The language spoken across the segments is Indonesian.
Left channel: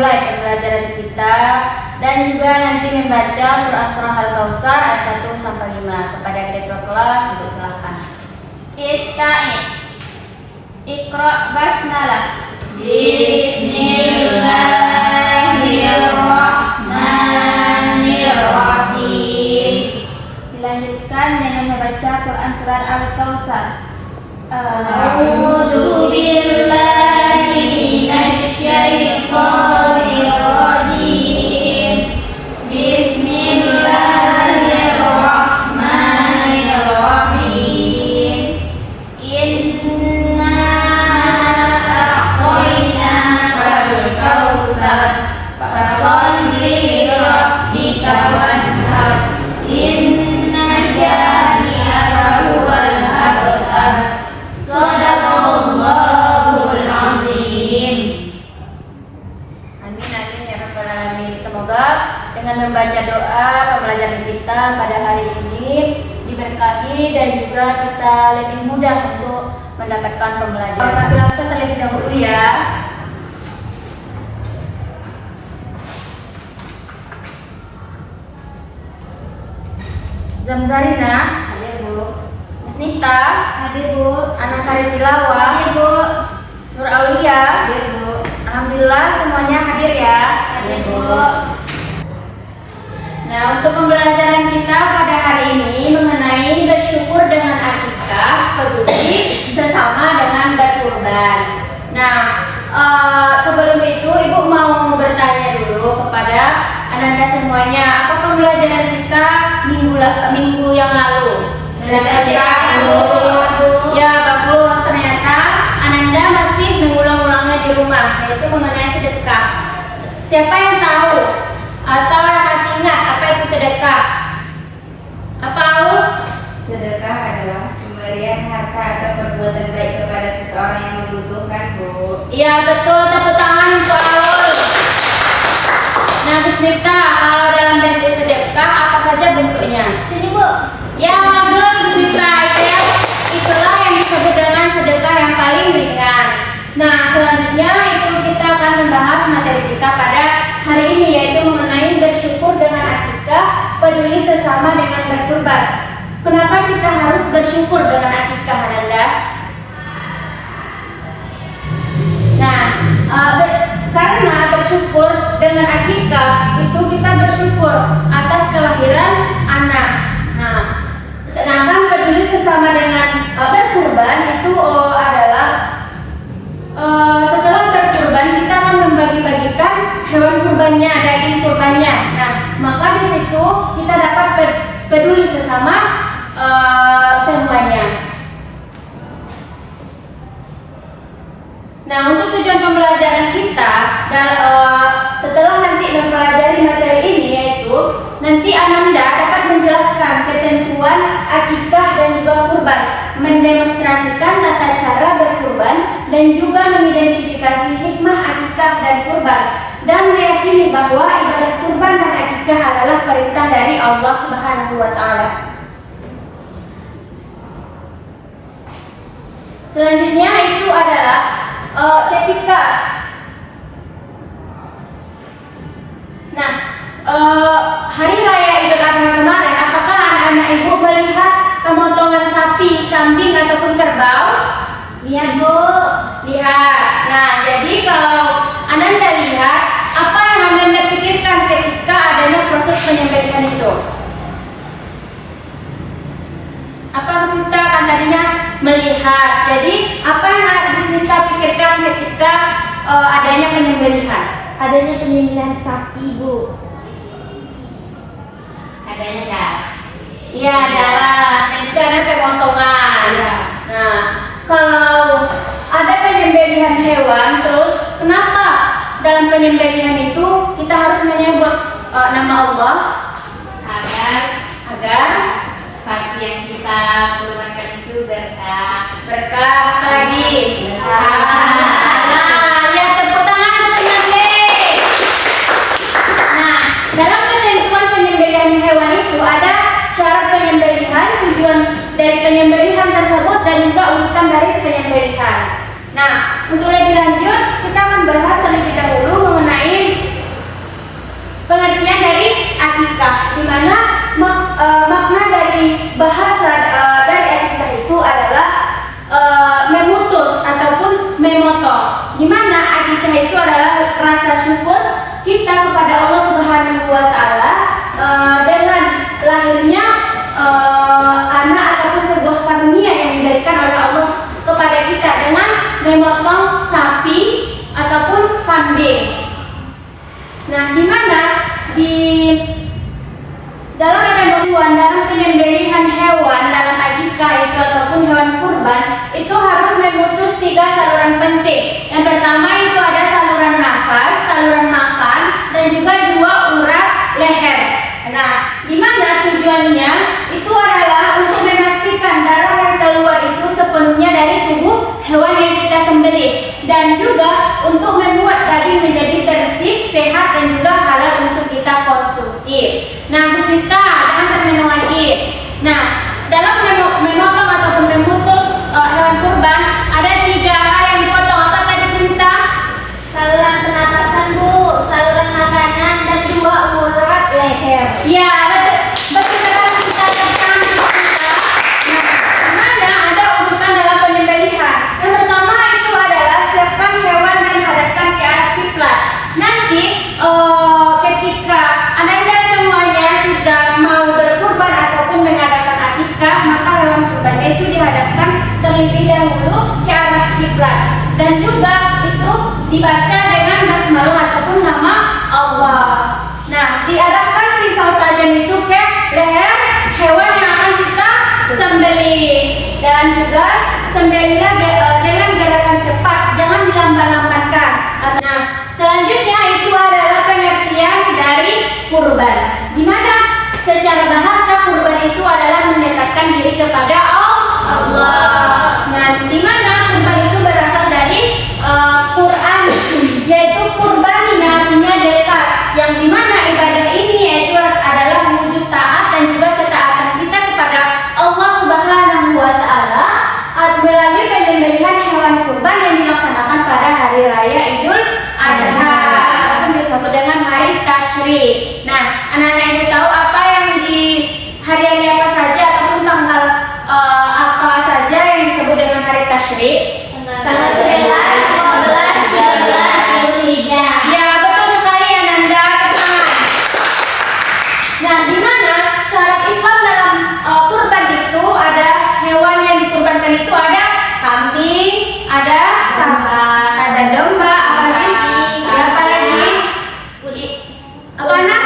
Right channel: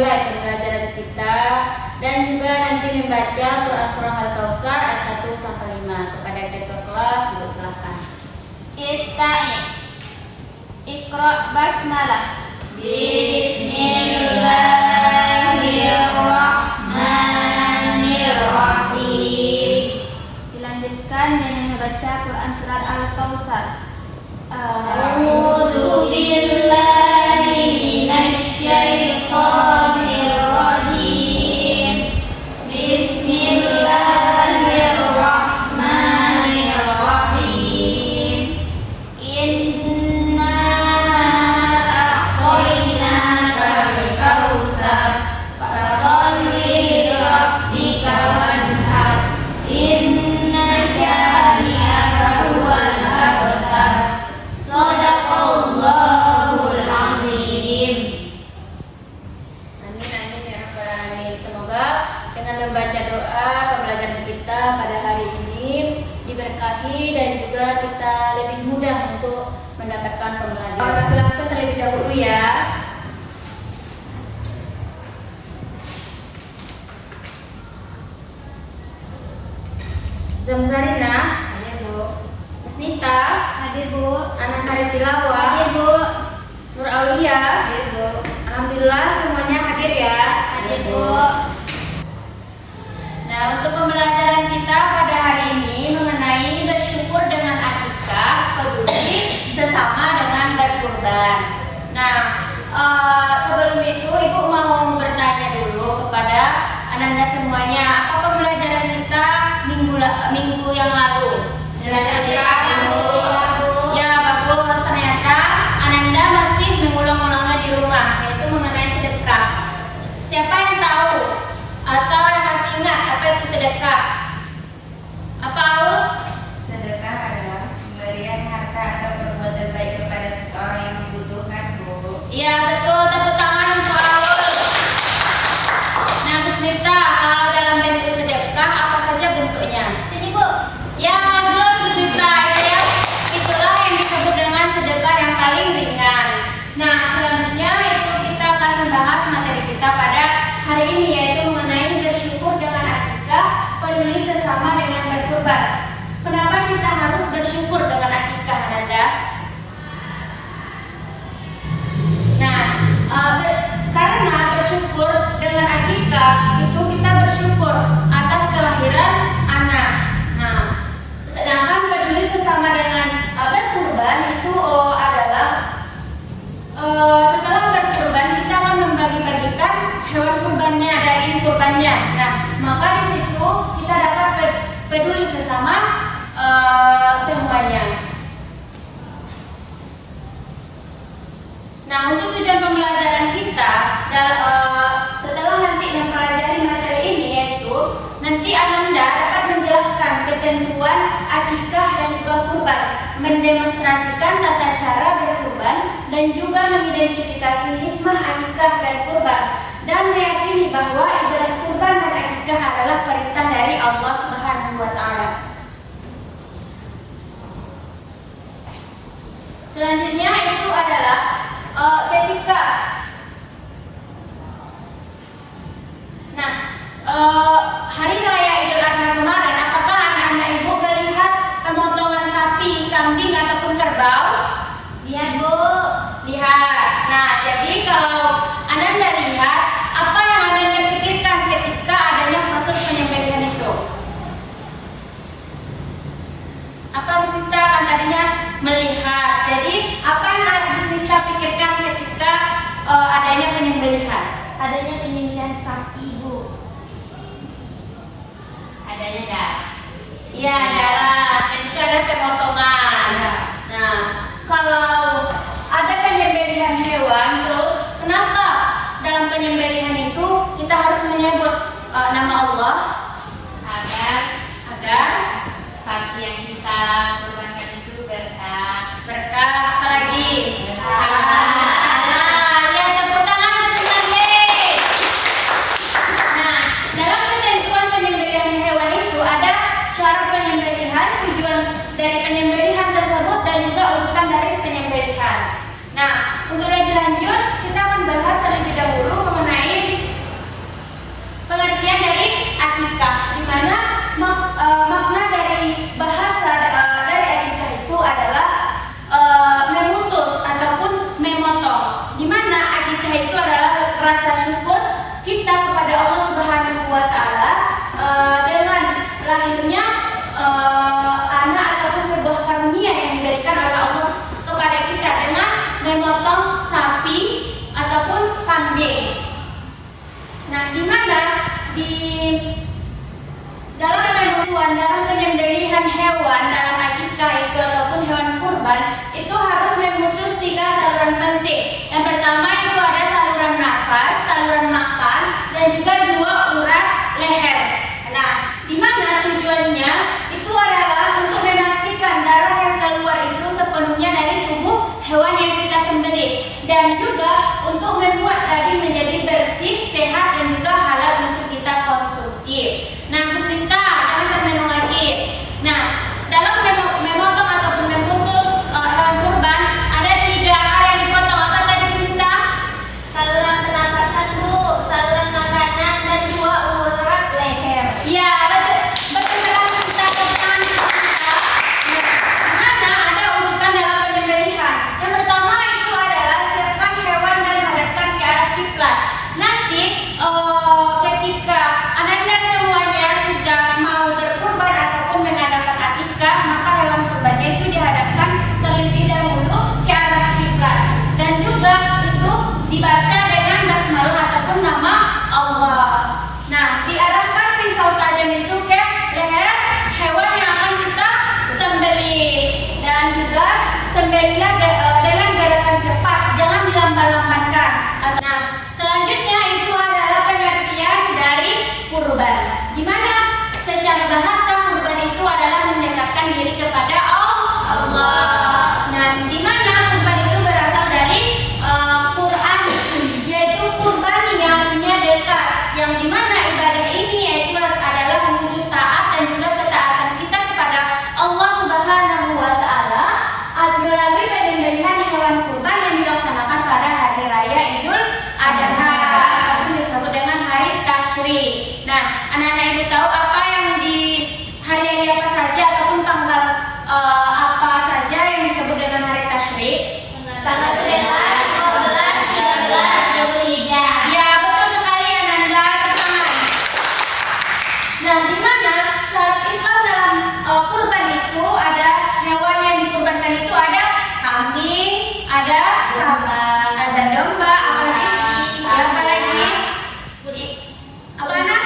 memulai pembelajaran kita dan juga nanti membaca Quran Surah Al-Kautsar ayat 1 sampai 5. Kepada ketua kelas dipersilakan. Ista'in. Iqra basmalah. Bismillahirrahmanirrahim. Dilanjutkan dengan membaca Quran Surat Al-Kautsar. A'udzu billahi minasy syaithanir rajim. Bismillahirrahmanirrahim. Inna a'tainakal kautsar fasholli li rabbika wanhar. Inna syani'aka huwal abtar. Shadaqallahul azim. Amin amin ya rabbal alamin. Semoga dengan membaca doa pembelajaran kita pada hari ini diberkahi dan juga kita lebih mudah untuk mendapatkan pembelajaran. Tapi langsung terlebih dahulu ya. Zamzarina, Hadir Bu. Musnita, Hadir Bu. Anasari Tilawah, Hadir Bu. Nur Aulia. Hadir Bu. Alhamdulillah semuanya hadir ya. Hadir Bu. Nah, untuk pembelajaran kita pada hari ini mengenai bersyukur dengan akikah, peduli sesama dengan berkurban. Nah, sebelum itu Ibu mau bertanya dulu kepada Ananda semuanya, apa pembelajaran kita minggu yang lalu? Ya, bagus. Ternyata Ananda masih mengulang-ulangnya di rumah, yaitu mengenai sedekah. Siapa yang tahu atau yang masih ingat apa itu sedekah? Apa Aul? Sedekah adalah pemberian harta atau perbuatan baik kepada seseorang yang membutuhkan, Bu. Iya betul, tepuk tangan untuk Aul. Nah, Bu Smita, kalau dalam bentuk sedekah apa saja bentuknya? Sini Bu. Ya bagus Bu Smita, itulah yang disebut dengan sedekah yang paling ringan. Nah, selanjutnya itu kita akan membahas materi kita pada hari ini, yaitu mengenai bersyukur dengan akikah, peduli sesama dengan berkurban. Kenapa kita harus bersyukur dengan akikah, Ananda? Nah, karena bersyukur dengan akikah itu kita bersyukur atas kelahiran anak. Nah, sedangkan peduli sesama dengan berkurban itu adalah setelah berkurban kita akan membagi-bagikan hewan kurbannya, daging kurbannya. Nah, maka di situ kita dapat peduli sesama semuanya. Nah, untuk tujuan pembelajaran kita setelah nanti mempelajari materi ini, yaitu nanti Ananda dapat menjelaskan ketentuan akikah dan juga kurban, mendemonstrasikan tata cara berkurban dan juga mengidentifikasi hikmah akikah dan kurban, dan meyakini bahwa ibadah kurban dan akikah adalah perintah dari Allah Subhanahu wa taala. Selanjutnya itu adalah ketika hari raya Idul Adha kemarin, apakah anak-anak ibu melihat pemotongan sapi, kambing ataupun kerbau? Lihat Bu. Lihat. Nah, jadi kalau Ananda lihat, apa yang Ananda pikirkan ketika adanya proses penyembelihan itu? Apa Bismita kan tadinya melihat. Jadi apa yang Bismita pikirkan ketika adanya penyembelihan? Adanya penyembelihan sapi Bu. Adanya darah. Iya, darah. Dan juga ada pemotongan. Ya. Nah, kalau ada penyembelihan hewan, terus kenapa dalam penyembelihan itu kita harus menyebut nama Allah agar sapi yang kita kurbankan itu berkah. berkah, apa lagi? Berkah. Nah, lihat tepuk tangan semuanya. Nah, dalam ketentuan penyembelihan hewan itu ada syarat penyembelihan, tujuan dari penyembelihan tersebut dan juga urutan dari penyembelihan. Nah, untuk lebih lanjut kita akan bahas terlebih dahulu mengenai pengertian dari akikah, di mana makna dari bahasa dari akikah itu adalah memutus ataupun memotong, di mana akikah itu adalah rasa syukur kita kepada Allah Subhanahu wa taala dengan lahirnya anak ataupun sebuah karunia yang diberikan oleh Allah kepada kita dengan memotong sapi ataupun kambing. Nah, di mana di dalam penyembelihan hewan dalam akikah itu ataupun hewan kurban itu harus memutus 3 saluran penting. Yang pertama itu ada saluran nafas, saluran makan, dan juga 2 urat leher. Nah, di mana tujuannya itu adalah untuk memastikan darah yang keluar itu sepenuhnya dari tubuh hewan yang kita sembelih, dan juga untuk membuat daging menjadi bersih, sehat, dan juga halal untuk kita konsumsi. Nah, Bu Sinta, jangan terminum lagi. Nah, dalam memotong ataupun memutus hewan kurban ada 3 hal yang dipotong. Apa tadi, Bu Sinta? Saluran pernapasan, Bu, saluran makanan, dan 2 urat leher. Ya, betul sekali kita tentang kita. Nah, mana ada urutan dalam penyembelihan. Yang pertama itu adalah siapkan hewan dan hadapkan ke arah kiblat. Nanti ketika Anda semuanya sudah mau berkurban ataupun mengadakan akikah, maka hewan kurbannya itu dihadapkan terlebih dahulu ke arah kiblat, dan juga itu dibaca dengan basmalah ataupun nama Allah. Nah, diarahkan pisau tajam itu ke leher hewan yang akan kita sembelih, dan juga sembelihlah dengan gerakan cepat, jangan dilamban-lambankan. Nah, selanjutnya itu adalah pengertian dari kurban, di mana secara bahasa kurban itu adalah mendekatkan diri kepada Allah. Nah, di mana kurban itu berasal dari Quran, yaitu kurban yang artinya dekat, yang di mana ibadah ini yaitu adalah wujud taat dan juga ketaatan kita kepada Allah Subhanahu wa taala melalui penyembelihan hewan kurban yang dilaksanakan pada hari raya Idul Adha ataupun disebut dengan hari tasyrik. Nah, anak-anak ibu tahu apa yang di hari-hari apa saja ataupun tanggal apa saja yang disebut dengan hari tasyrik? Tanggal 11, 12, 13, Zulhijjah. Ya, betul sekali ya Nanda, tangan. Nah, di mana syarat Islam dalam kurban itu ada hewan yang dikurbankan itu ada kambing, ada Domba. ada domba, apalagi? Apa lagi? Apa nak?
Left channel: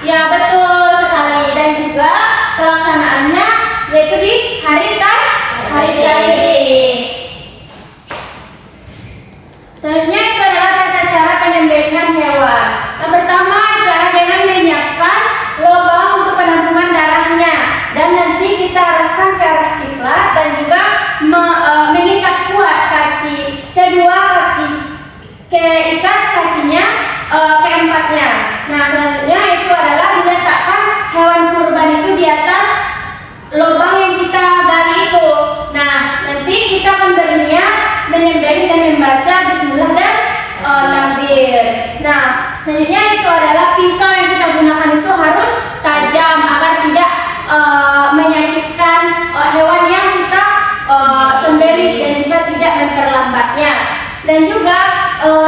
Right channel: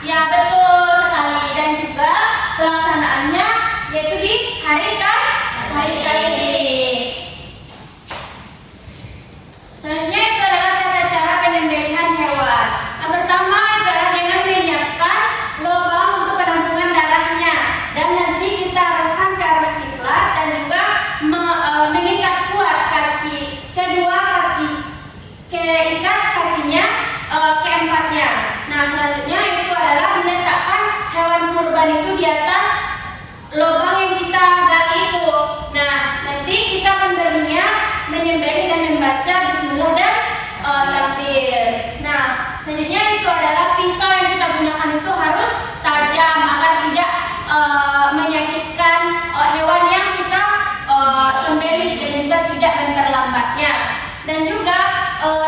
Ya, betul sekali. Dan juga pelaksanaannya yaitu di hari tasyrik. Selanjutnya itu adalah tata cara penyembelihan hewan. Yang pertama itu adalah dengan menyiapkan lubang untuk penampungan darahnya, dan nanti kita arahkan ke arah kiblat, dan juga mengikat kuat kedua kaki, keikat kakinya keempatnya. Nah, selanjutnya itu adalah diletakkan hewan kurban itu di atas lubang yang kita gali itu. Nah, nanti kita akan berniat menyembelih dan membaca bismillah dan takbir. Nah, selanjutnya itu adalah pisau yang kita gunakan itu harus tajam agar tidak menyakitkan hewan yang kita sembelih, dan juga tidak memperlambatnya. Dan juga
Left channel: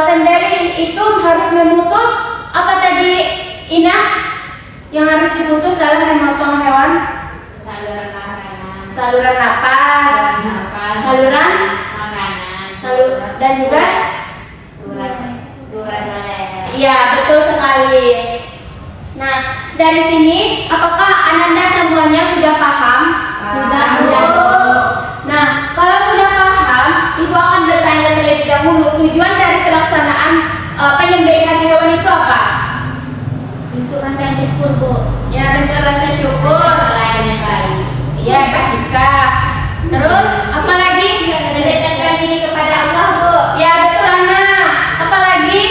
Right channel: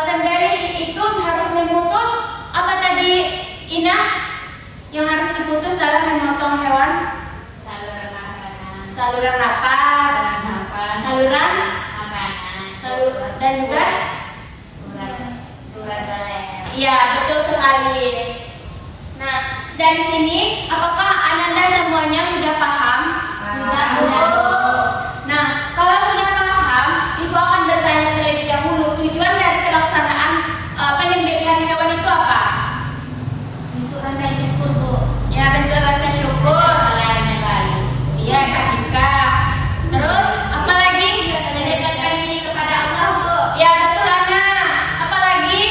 sembelih itu harus memutus apa tadi, Inah, yang harus diputus dalam memotong hewan? Saluran napas, saluran makanan, dan juga Urat leher. iya, betul sekali. Nah, dari sini apakah Ananda semuanya sudah paham? Sudah, Bu. Nah, kalau sudah paham, Ibu akan bertanya terlebih dahulu tujuan dari pelaksanaan penyembelihan hewan itu apa? Untuk rasa syukur, Bu. Ya, bentuk rasa syukur. Selainnya kali. Iya, akikah. Terus apa lagi? Mendekatkan diri kepada Allah, Bu. Ya, betul Ana. Apa lagi?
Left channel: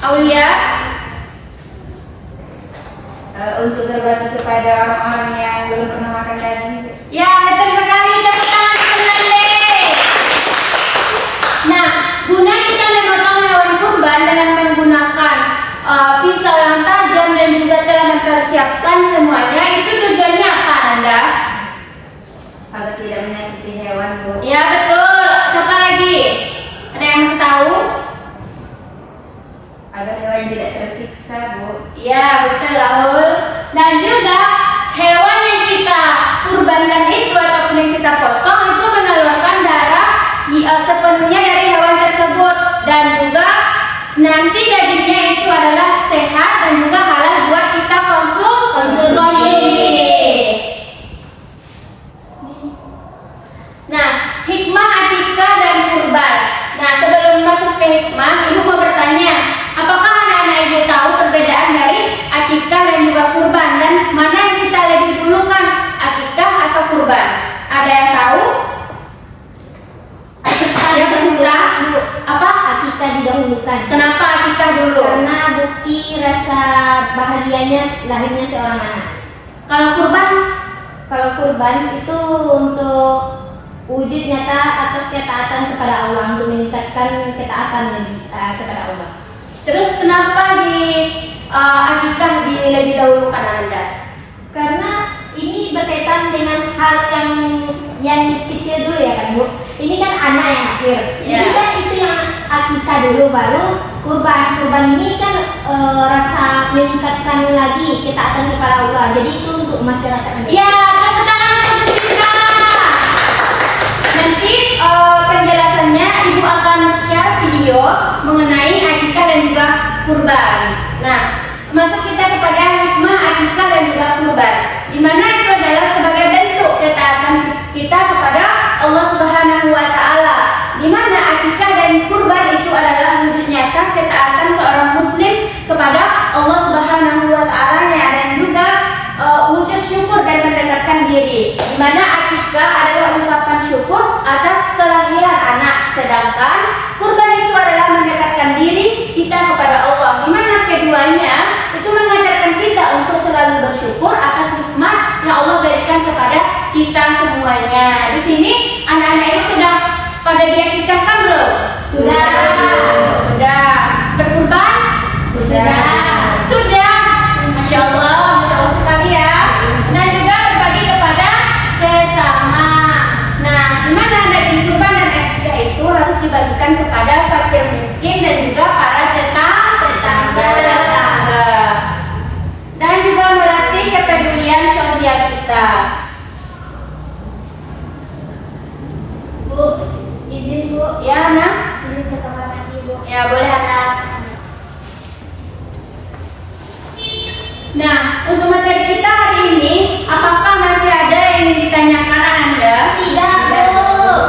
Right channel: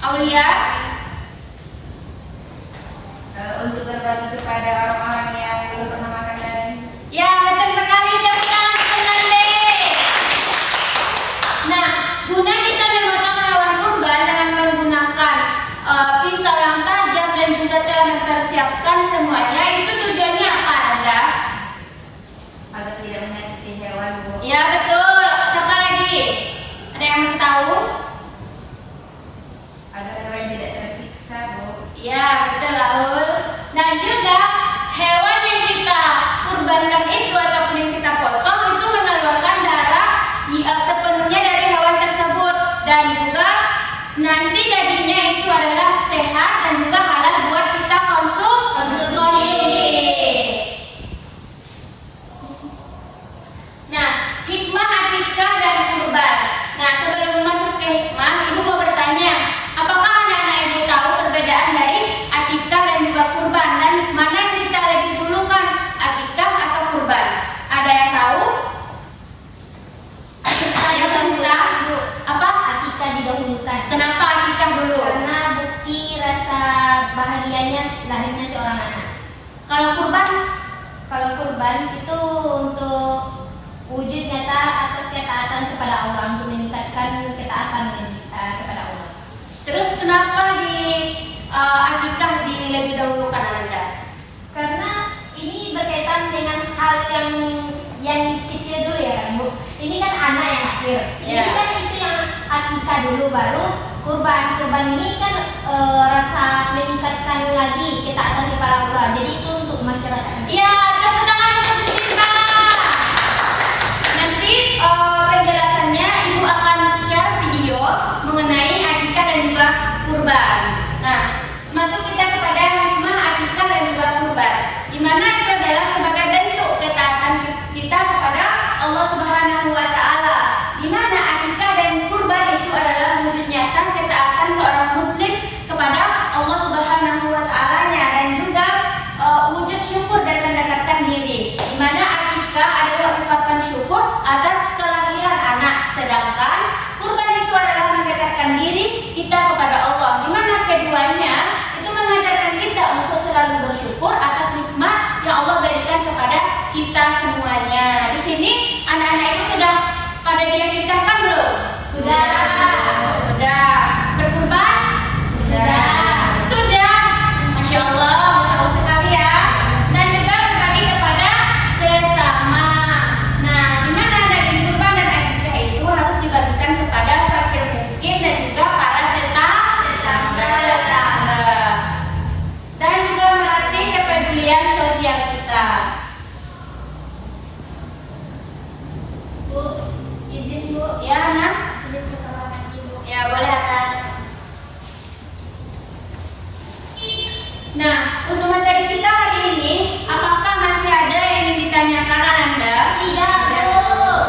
Aulia. Untuk berbakti kepada orang-orang yang belum pernah makan daging. Ya, betul sekali. Tepuk tangan Nande. Nah, guna kita memotong hewan kurban dengan menggunakan jelaskan semuanya. Itu tujuannya apa, Nanda? Agar tidak menyakiti hewan, Bu. Ya betul. Siapa lagi? Ada yang masih tahu? Agar hewan tidak tersiksa, Bu. Ya betul, Laul. Dan juga hewan yang kita kurbankan itu ataupun yang kita potong itu mengeluarkan darah sepenuhnya dari hewan tersebut, dan juga nanti dagingnya itu adalah sehat dan juga halal buat kita konsumsi. Nah, hikmah akikah dan kurban. Nah, sebelum masuk ke hikmah, ibu mau bertanya, apakah anak-anak ibu tahu perbedaan dari akikah dan juga kurban, dan mana yang kita lebih dulukan, akikah atau kurban? Ada yang tahu? Akikah Yang didahulukan, kita Bu. apa? Akikah didahulukan. Kenapa akikah dulu? Karena bukti rasa bahagianya lahirnya seorang anak. Kalau kurban? Kalau kurban itu untuk wujud nyata atas ketaatan kepada Allah, untuk meningkatkan ketaatan kepada Allah. Terus kenapa di akikah lebih dahulukan, Anda? Karena ini berkaitan dengan hal yang kecil dulu ya kan, Bu. Ini kan anak yang akhir. Ya. Ini kan itu yang akikah dulu, baru kurban. Kurban ini kan rasa meningkatkan lagi ketaatan kepada Allah. Jadi itu untuk masyarakat Anda. Ya, tepuk tangan untuk kita. Nanti penjelasannya ibu akan share video mengenai akikah dan juga kurban. Nah, masuk kita kepada hikmah akikah dan juga kurban, di mana itu adalah sebagai bentuk ketaatan kita kepada Allah Subhanahu wa Ta'ala, di mana akikah dan kurban itu adalah wujud nyata ketaatan seorang muslim kepada Allah Subhanahu wa Ta'ala-nya, dan juga wujud syukur dan mendekatkan diri, di mana akikah adalah ungkapan syukur atas kelahiran anak, sedangkan kurban itu adalah mendekatkan diri kita kepada Allah, di mana keduanya itu mengajarkan kita untuk selalu bersyukur atas nikmat yang Allah berikan kepada kita semuanya. Di sini anak-anak itu sudah pada diakikahkan belum? Sudah. Sudah. Berkurban? Sudah. Sudah. Masya Allah sekali ya. Dan juga berbagi kepada sesama. Nah, di mana daging kurban dan akikah itu harus dibagikan kepada fakir miskin dan juga para tetangga. Dan juga melatih kepedulian sosial kita. Bu, izin Bu. Ya, anak? Izin ke kamar mandi, Bu. Ya, boleh, anak. Nah, untuk materi kita hari ini, apakah masih ada yang ingin ditanyakan Anda? Tidak, Bu.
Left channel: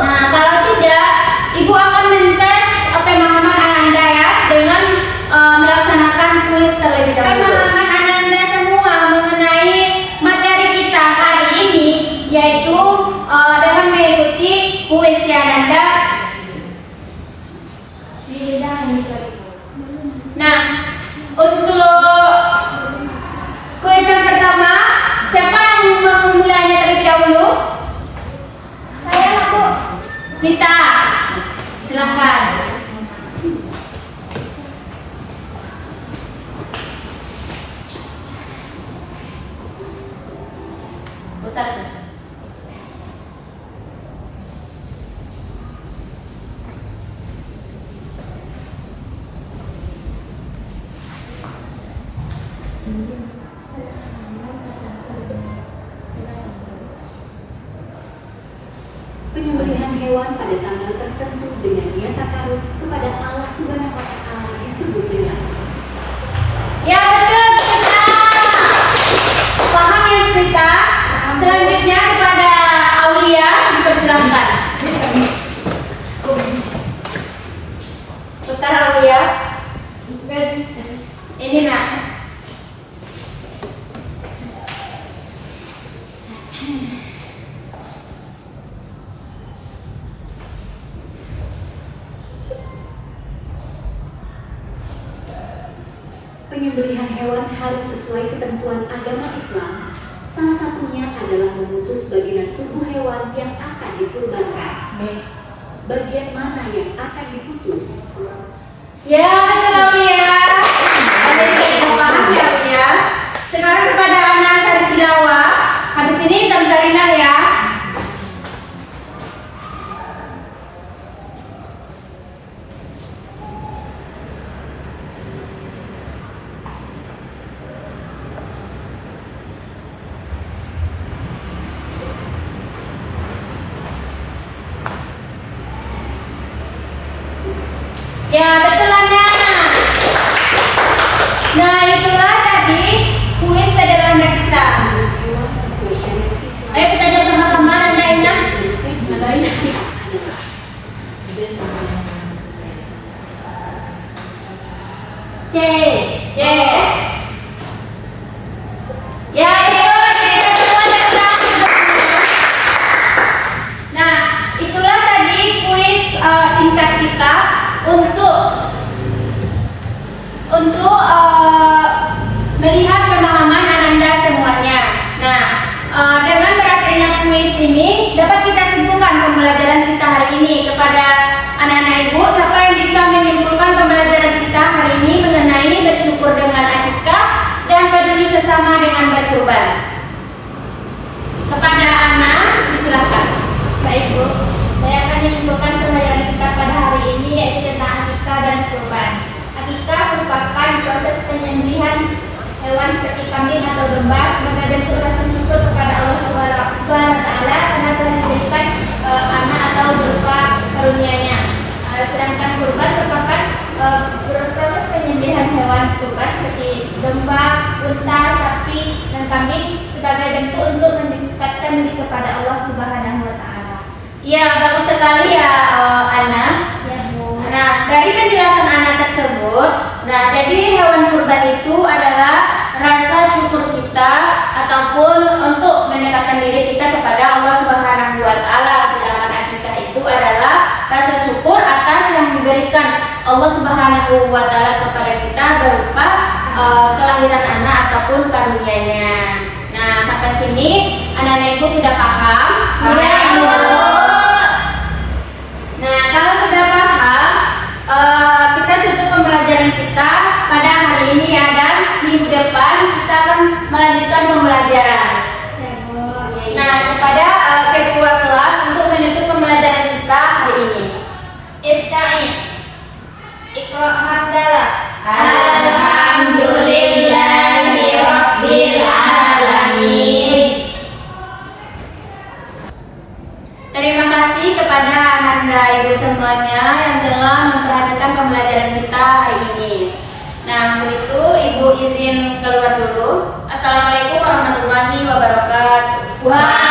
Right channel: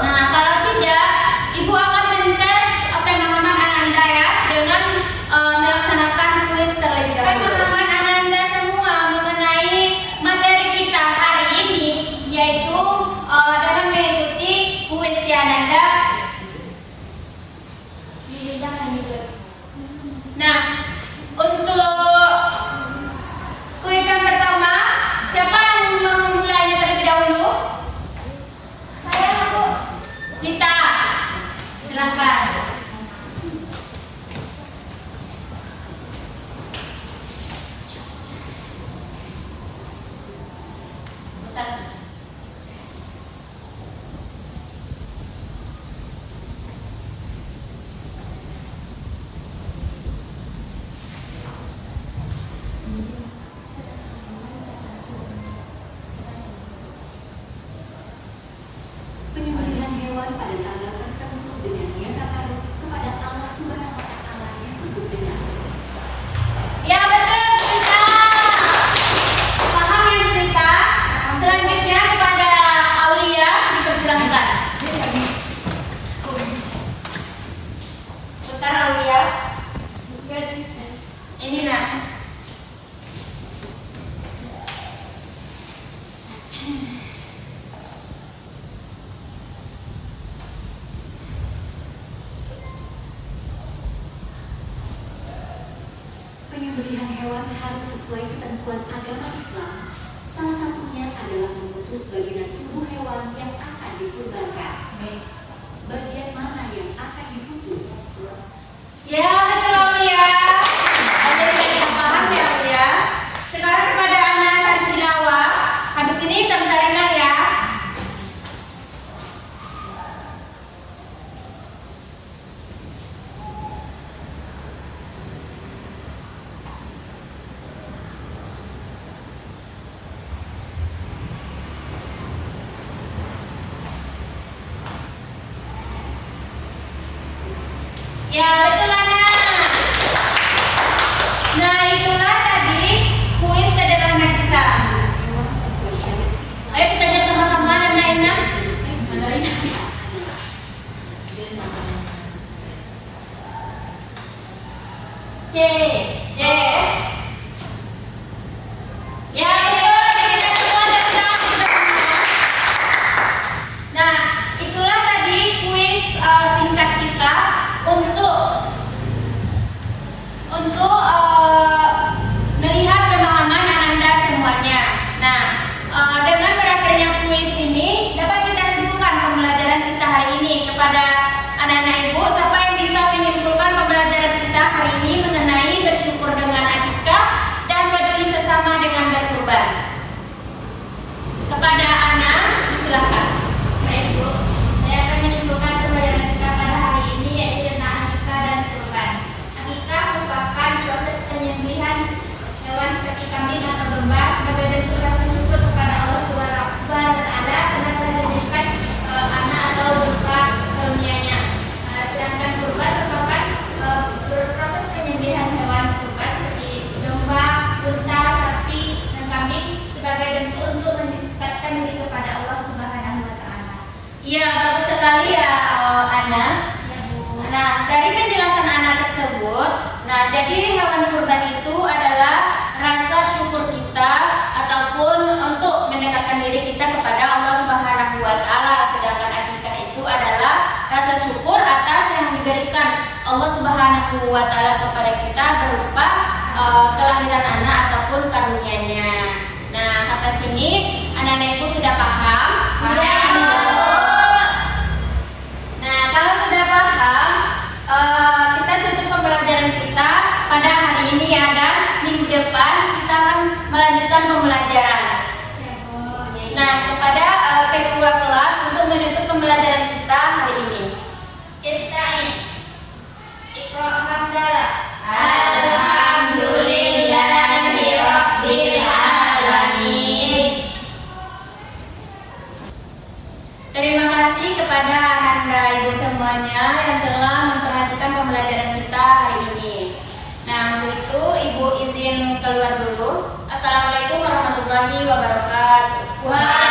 Nah, kalau tidak, Ibu akan mentes pemahaman Ananda ya, dengan melaksanakan kuis terlebih dahulu. Pemahaman Ananda semua mengenai materi kita hari ini, yaitu dengan mengikuti kuis ya, Ananda. Nah, untuk kuis yang pertama, siapa yang memulainya terlebih dahulu? Saya lah, Bu. Nita, silakan. Putar terus. Penyembelihan hewan pada tanggal tertentu dengan niat takarub kepada Allah Subhanahu wa Ta'ala disebut dengan Ya betul, kita paham ya kita. Selanjutnya kepada Aulia dipersilakan. Putar Aulia. Ini nak. penyembelihan hewan harus sesuai ketentuan agama Islam. Salah satunya adalah memutus bagian tubuh hewan yang akan dikurbankan. Bagian mana yang akan diputus? Ya betul Aulia. Ada yang paham ya Aulia. Sekarang kepada Ya, betul Ana. Nah, itulah tadi kuis sederhana kita. Ayo kita jawab sama-sama, Nanda Indah. C. C. Ya, itu kita semua datang. Nah, itulah tadi kuis singkat kita untuk melihat pemahaman Ananda semuanya. Nah, dengan berakhirnya kuis ini dapat kita simpulkan pembelajaran kita hari ini. Kepada anak-anak ibu, siapa yang bisa menyimpulkan pembelajaran kita hari ini mengenai bersyukur dengan akikah dan peduli sesama dengan berkurban? Kepada Ana, silakan. Baik Bu, saya akan menyimpulkan pembelajaran kita pada hari ini yaitu tentang akikah dan kurban. Akikah merupakan proses penyembelihan hewan seperti kambing atau domba sebagai bentuk rasa syukur kepada Allah Subhanahu wa Ta'ala karena telah diberikan anak atau berupa karunia-Nya. Sedangkan kurban merupakan proses penyembelihan hewan kurban seperti domba, unta, sapi, dan kambing sebagai bentuk untuk mendekatkan diri kepada Allah Subhanahu wa Ta'ala. Ya, bagus sekali ya Ana. Ya Bu. Nah, dari penjelasan Ana tersebut, nah jadi hewan kurban itu adalah rasa syukur kita ataupun untuk mendekatkan diri kita kepada Allah Subhanahu wa Ta'ala. Sedangkan akikah itu adalah rasa syukur atas yang diberikan Allah Subhanahu wa Ta'ala kepada kita berupa kelahiran anak ataupun karunia-Nya. Nah, sampai sini anak-anak ibu sudah paham? Sudah, Bu. Nah, kalau sudah paham, kita tutup pembelajaran kita pada hari ini ya, dan minggu depan kita akan melanjutkan pembelajaran. Ya Bu. Nah, kepada ketua kelas untuk menutup pembelajaran kita hari ini. Ista'in. Iqra hamdalah. Alhamdulillahi Rabbil Alamin. Terima kasih kepada Ananda ibu semuanya yang telah memperhatikan pembelajaran kita hari ini. Nah, untuk itu ibu izin keluar dulu. Assalamualaikum warahmatullahi wabarakatuh. Waalaikumsalam.